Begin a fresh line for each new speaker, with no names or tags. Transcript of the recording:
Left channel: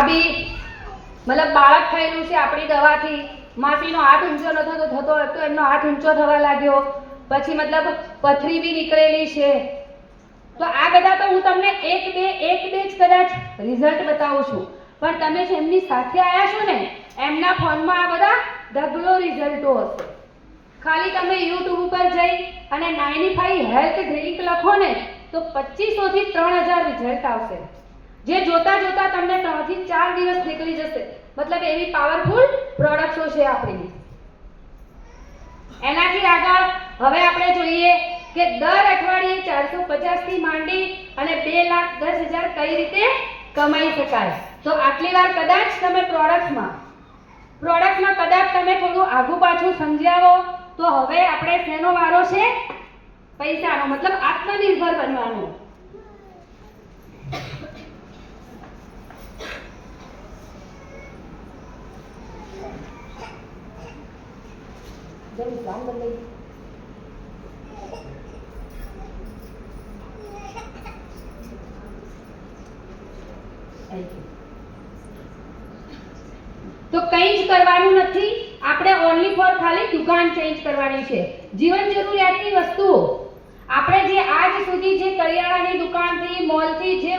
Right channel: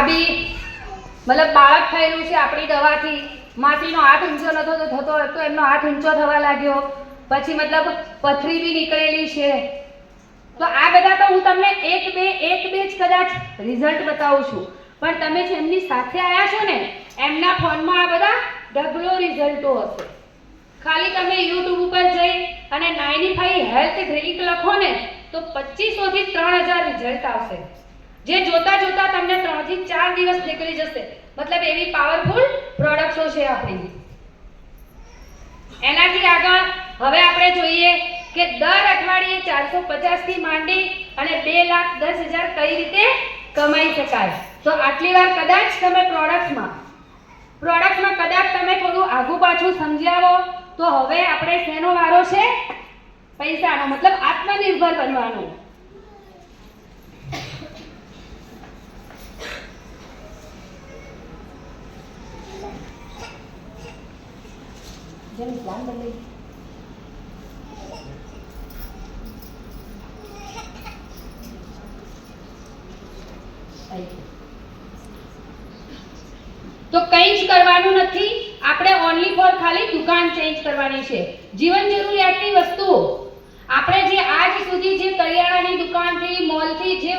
આ મતલબ બાળક થયેલું છે આપણી દવાથી. માટીનો આઠ ઊંચો નતો તો થતો હતો, એમનો આઠ ઊંચો થવા લાગ્યો. પછી મતલબ પથરી બી નીકળેલી છે. તો આ બધા તો હું તમને એક બે એક બે જ કદાચ રિઝલ્ટ બતાવું છું. પણ તમે જેમની સાથે આવ્યા છો ને, એમના ફોનમાં આ બધા ડબલો રિઝલ્ટો હશે. ખાલી તમે યુટ્યુબ ઉપર જઈ અને નાઇની ફાઈ હેલ્થ ડ્રિંક લખો ને, તો પચીસોથી ત્રણ હજાર રિઝલ્ટ આવશે. જે જોતા જોતા તમને ત્રણથી ચાર દિવસ નીકળી જશે. મતલબ એવી પાવરફુલ પ્રોડક્ટો છે આપણી. એનાથી આગળ હવે આપણે જોઈએ કે દર અઠવાડિયે ચારસો પચાસથી માંડી અને બે લાખ દસ હજાર કઈ રીતે કમાઈ શકાય. તો આટલી વાર કદાચ તમે પ્રોડક્ટમાં પ્રોડક્ટમાં કદાચ તમે થોડું આગુ પાછું સમજાવો, તો હવે આપણે શેનો વારો છે? પૈસાનો, મતલબ આત્મનિર્ભર બનવાનો. જેમ ધ્યાન બદલાઈ. તો કંઈ જ કરવાનું નથી. આપણે ઓનલી ફોર ખાલી દુકાન ચેન્જ કરવાની છે. જીવન જરૂરિયાતની વસ્તુઓ. આપણે જે આજ સુધી જે કરિયાણાની દુકાનથી મોલથી જે